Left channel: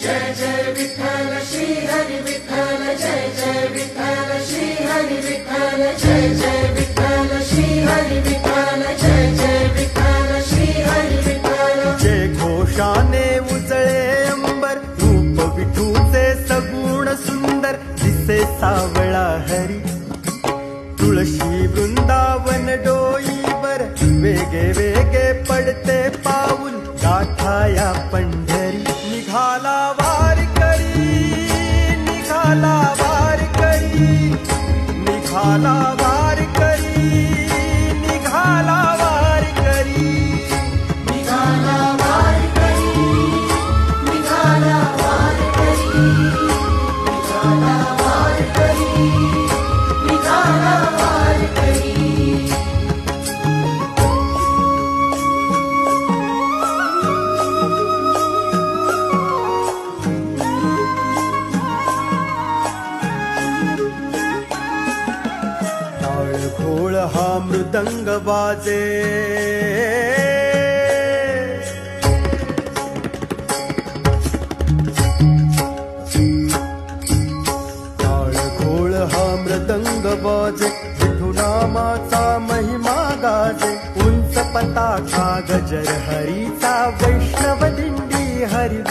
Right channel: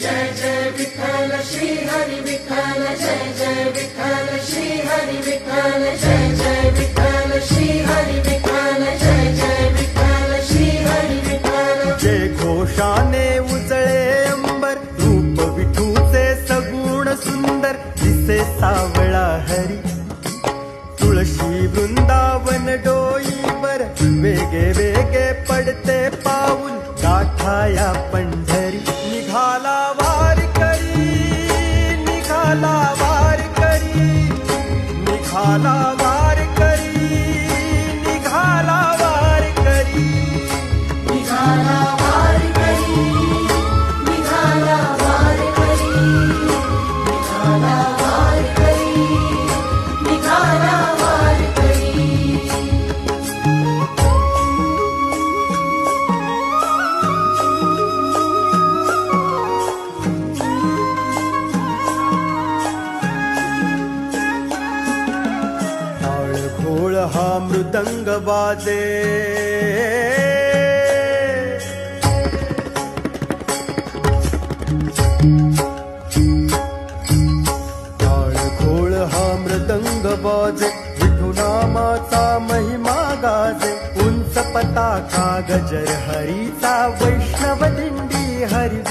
जय जय विठ्ठल श्री हरी विठ्ठल, जय जय विठ्ठल श्री हरी विठ्ठल, जय जय विठ्ठल श्री हरी विठ्ठल, जय जय विठ्ठल श्री हरी विठ्ठल। जय घोषाने उजळे अंबर, रूप विठूचे सगुण सुंदर, दिसे सावळा हरी। तुळशी वृंदावन डोईवर, वेगे वेगे पडते पाऊल, गाठाया पंढरी। निघाला वारकरी, निघाला वारकरी, निघाला वारकरी, निघाला वारकरी, निघाला वारकरी, निघाला वारकरी, निघाला वारकरी, निघाला वारकरी। टाळ घोळ हा मृदंग वाजे, टाळ घोळ हा मृदंग वाजे, विठुनामाचा महिमा गाजे। उंच पताका गजर हरीचा, वैष्णव दिंडी हरी।